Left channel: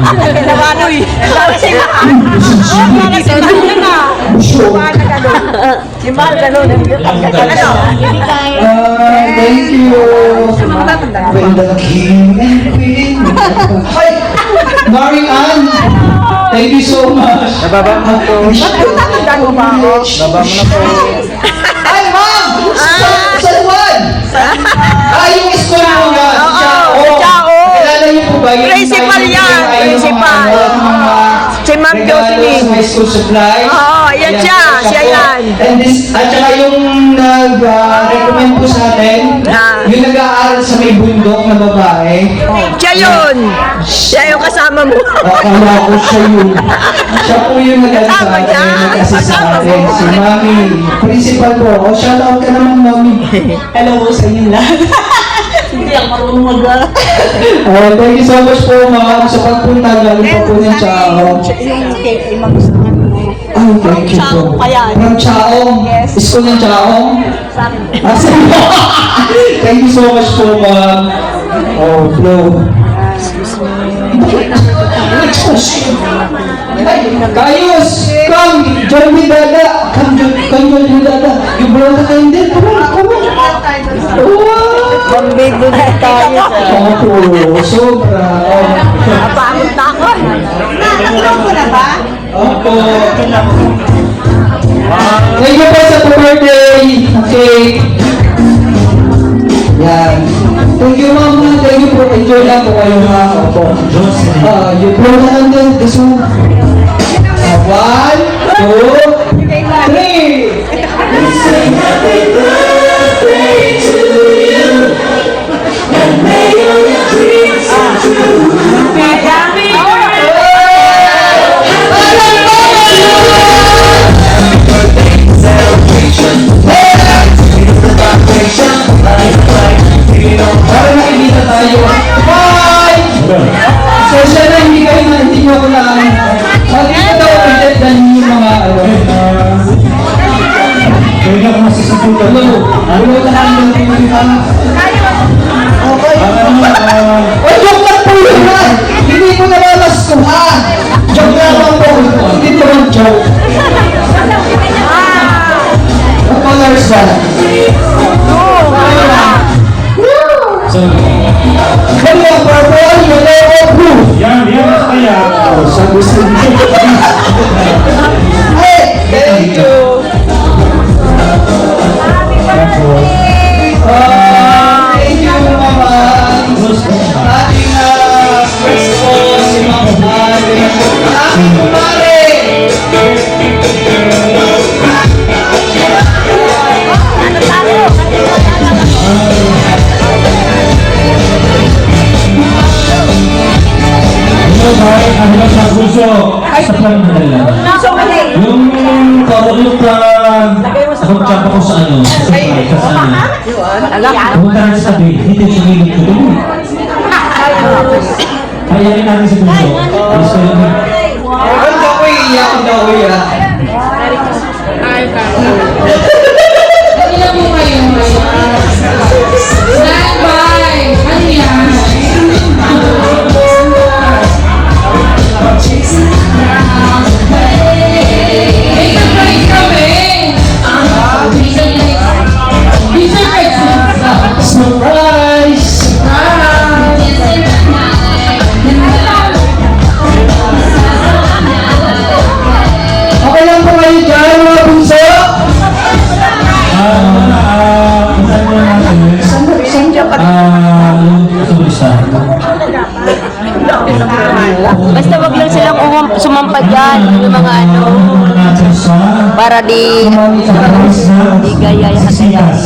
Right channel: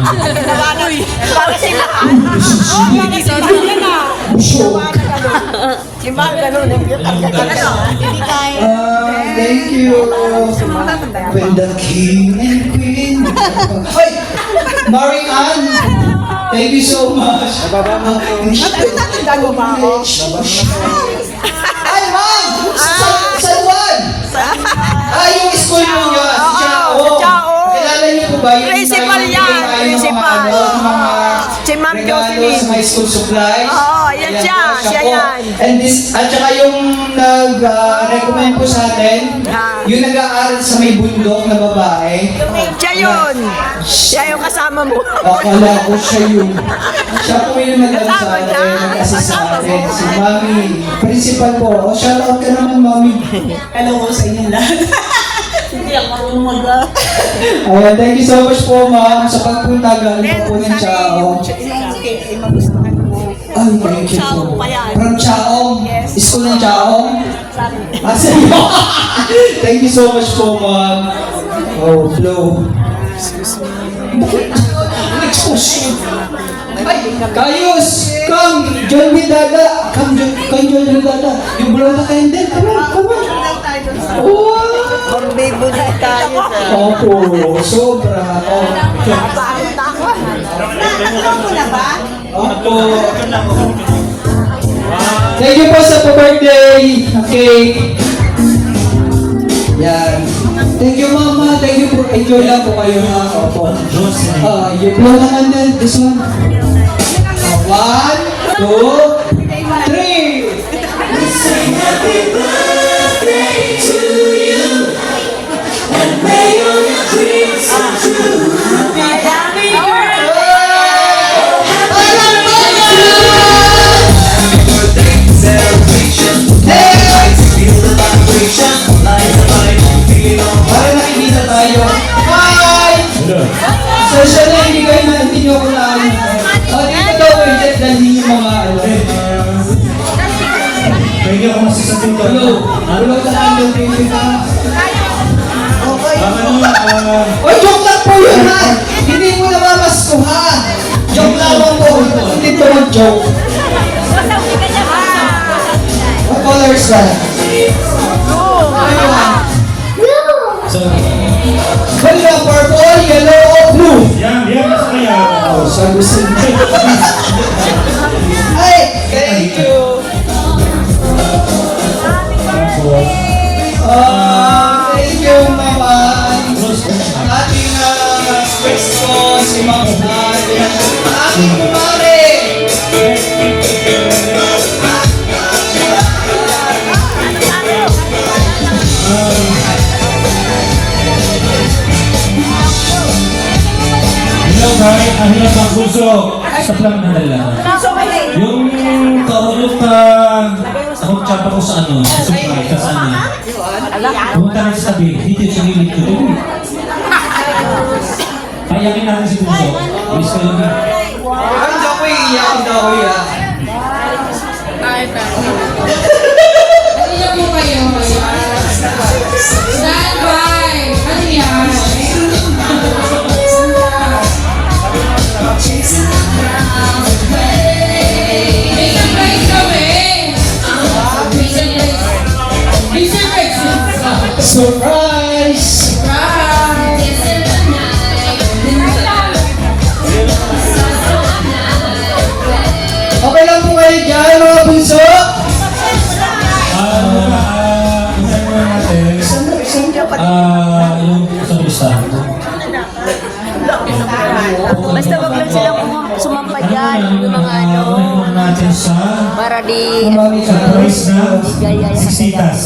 Nawanoy. Kasi lahat. Kasi lahat na. Si Mahal ganun. Hindi kaya. Thank you. When the king and queen. Hi! Maring Ann. Thank you so much. Nababa mo po. Tatandaan mo ba ako? Baba mo na po. Ay, ma'am! Sa Juan! Yung school mo nga. Oo, sa Chao. Kilala niyo po ba? Principal yan, principal. Si Ma'am Jocelyn. High school supplies. Oo, yan siya. Siya yan. And this, at saka yung nag-recommend po sa atin, yung nag-aaral sa may bundok na babae. Siya yun. Siya yung kasama mo. Akala ko siya yun. Siya po yung nag-aaral sa atin, yung nag-assist sa atin. Si Mami. Principal po. O, shout out ka naman, Mami. Hello po sa inyo lahat. Hindi ako marunong mag-alala. Thank you so much po, ma'am. Sa pagpunta, galing po po ng Chao. Yung cake, limang gusto ko. Ay, thank you po. Chao pa yan. From Chao? Yes. School ng Chao? Sa akin. Thank you so much po, ma'am. Oh, blow. Ay, Kayus! Come! Join me, Dada! Come, join me, Dada! You blow the candle! Come on, come on! Bambibo na tayo. Opo, sobra. Pagod na ako. Nakulong ko na ba? Opo. Thank you po sa birthday cake. Yan. Thank you, mama. Thank you po. Enjoy lang po kayo, ha? Opo. You blow na lang din. Gusto mo? 1, 2, 3. Para nakikita tayo. Bye! Social na hindi kayo na, hindi nyo ko na ano. Dito daw, dahil yung mga ano. Hindi ako masasagutan. Hello. Hello ka na lang yung mga. Ay, joke lang po yun ha! Hindi mo namamaskuhan! Joke lang po ito. Hindi po yung joke. What color is that? Kaya purple, yellow, or blue? Yan, nasa kaya. Sabi sa Ay! Thank you! Thank you, Mama! Lagi na gusto si Mama. Lagi kumare! Ano sa puso? Sa pangmadala. Yung tawag yung ako tsapa ko sa ano, sa supply, sa sana. Pumunta rin sa tabi, dito yung sarili ko dun. Kayarin natin sa puso. Alis ko yun. Ang dawi iyak, ang dawi iyak. Kanina po kayo. Stand by! Ano yan? May surprise kami! May surprise! Surprise! Okay lang po kayo dyan, mga bunso? Basta wag lang silang sumampa dyan. Yung mga ano. Para di gaya yung katiyak.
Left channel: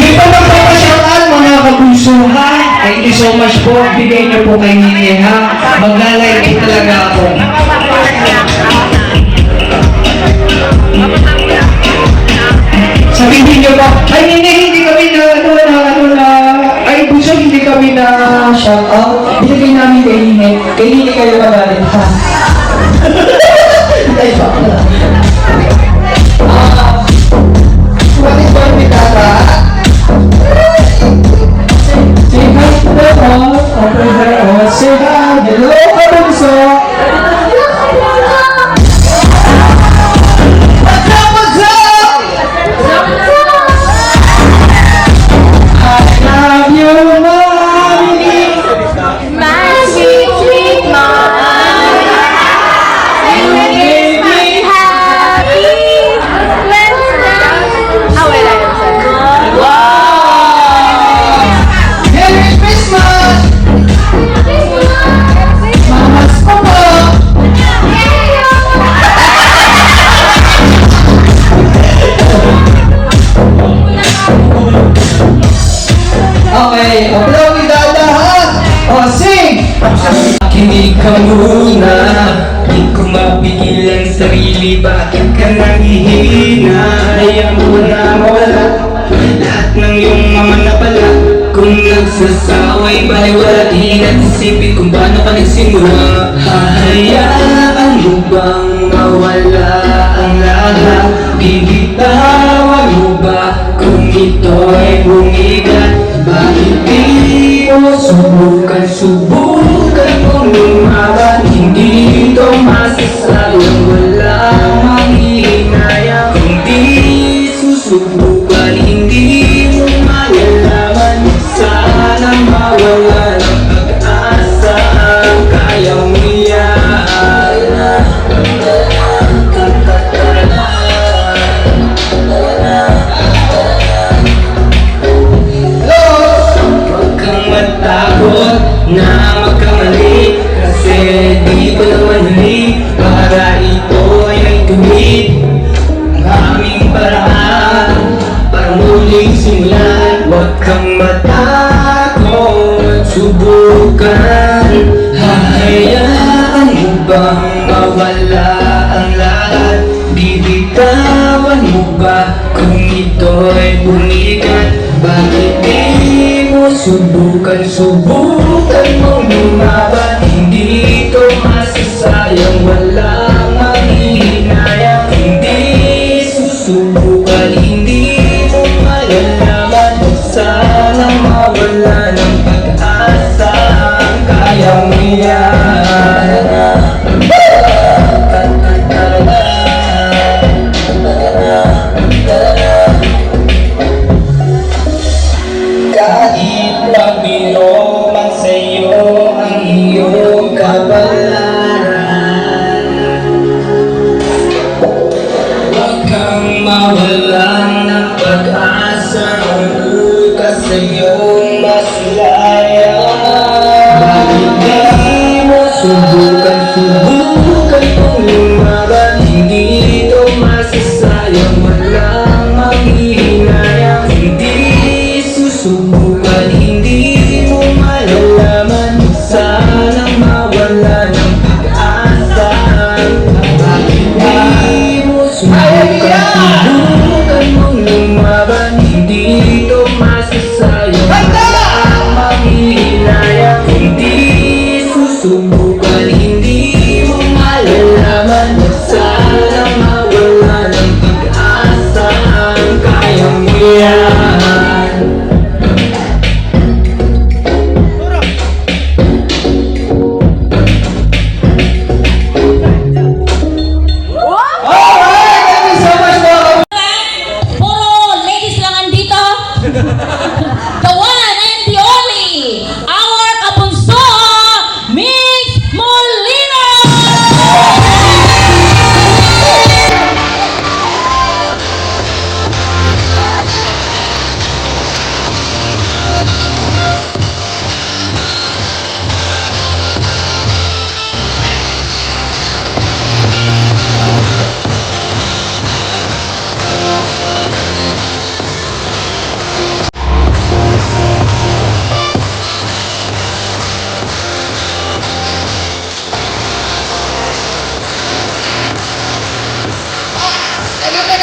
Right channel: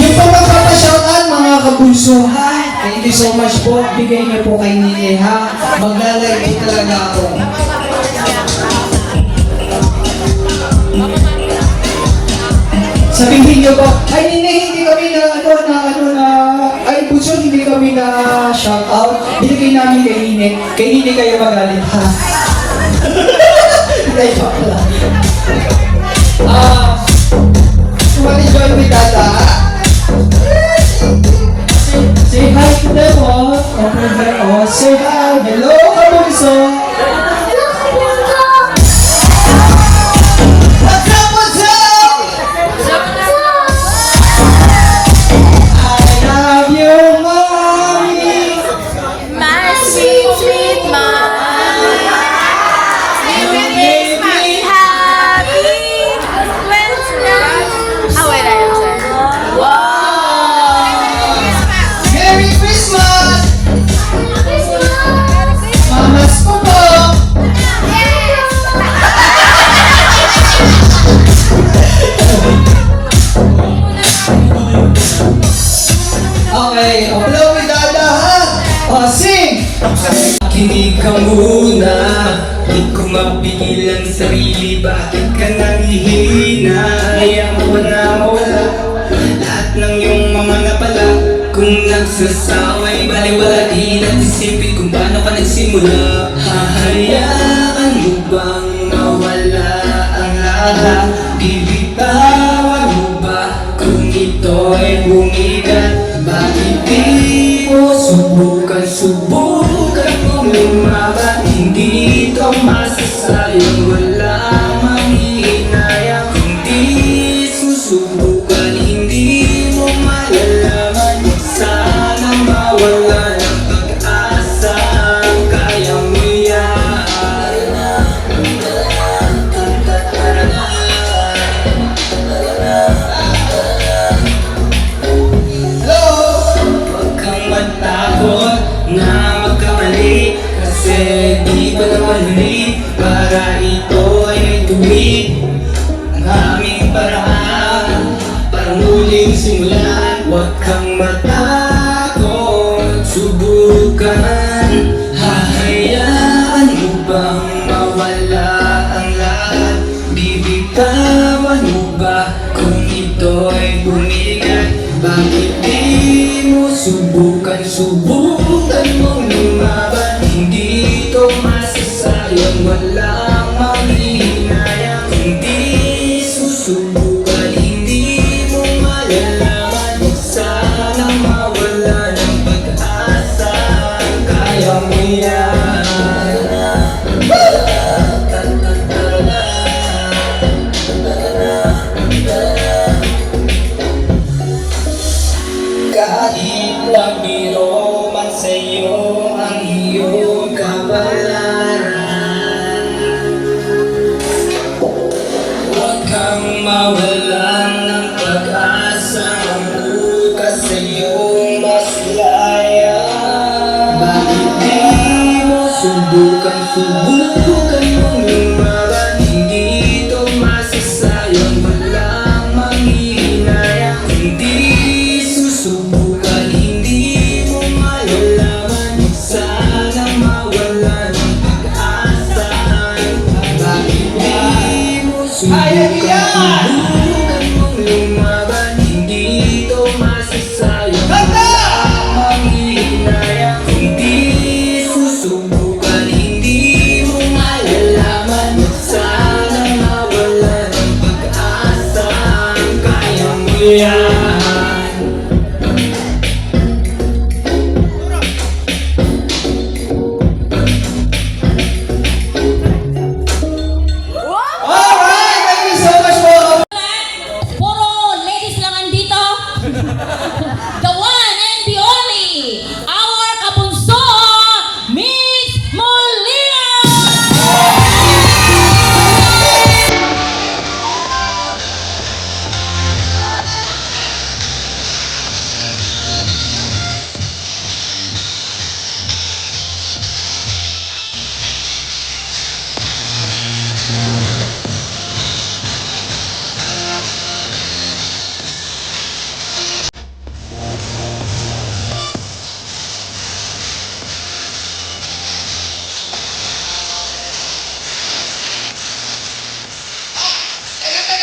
Yung pa magpapasyakan, mga kapuso, ha? Thank you so much po. Bigay niyo po kay Nini, ha? Maglalike talaga ako. Sabihin niyo po, ay Nini, hindi kami na, ay puso, hindi kami na shout out. Hindi namin kay Nini. Kay Nini kayo magaling, ha? Ay, joke lang. What is your pitata? Say hi, hello, kabunso. What's up, what's up? I love you, mommy. My sweet, sweet mom. You make me happy. How will I say? Merry Christmas! Mamas ko po! Okay, upload ni Dada ha! O, sing! Kinig ka muna, di ko mapigil ang sarili. Bakit ka nangihina? Ayaw mo na mawala lahat ng iyong mga napala. Kung nagsasaway, baliwala, di na't isipin kung paano ka nagsimula. Hahayaan mo bang mawala ang lahat? Bibitawan mo ba kung ito'y bumigat? Bakit di mo subukan, subukan mong lumaban? Hindi ito masasayang, wala manghihinayang. Kung di susubukan, hindi mo malalaman. Sana mawala ng pag-asa, kaya mo yan. Huwag kang matakot na magkamali, kasi di ko naman huli para ito ay tuwid. Ang aming paraan para muling simulan. Huwag kang matakot, subukan. Hahayaan mo bang mawala ang lahat? Bibitawan mo ba kung ito'y bumigat? Bakit di mo subukan, subukan mong lumaban? Hindi ito masasayang, walang manghihinayang. Hindi susubukan, hindi mo malalaman. Sana mawala ng pag-asa, kaya mo yan. Kahit pabiro man sa'yo ang iyong kabalaran, huwag kang mawalan ng pag-asa. Ang bukas sa iyong masilaya. Bakit di mo subukan, subukan mong lumaban? Hindi ito masasayang, walang manghihinayang. Hindi susubukan, hindi mo malalaman. Sana mawala ng pag-asa. Bakit di mo subukan, subukan mong lumaban? Hindi ito masasayang, walang manghihinayang. Hindi susubukan, hindi mo malalaman. Sana mawala ng pag-asa, kaya mo yan. Alright, thank you so much mga Puro ladies lang andito. The one and the only, our kabunso, Miss Molina!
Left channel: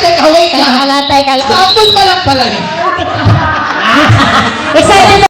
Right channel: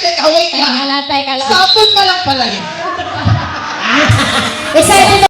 Teka, wait lang. Teka lang. Tapos pa lang pala eh. Excited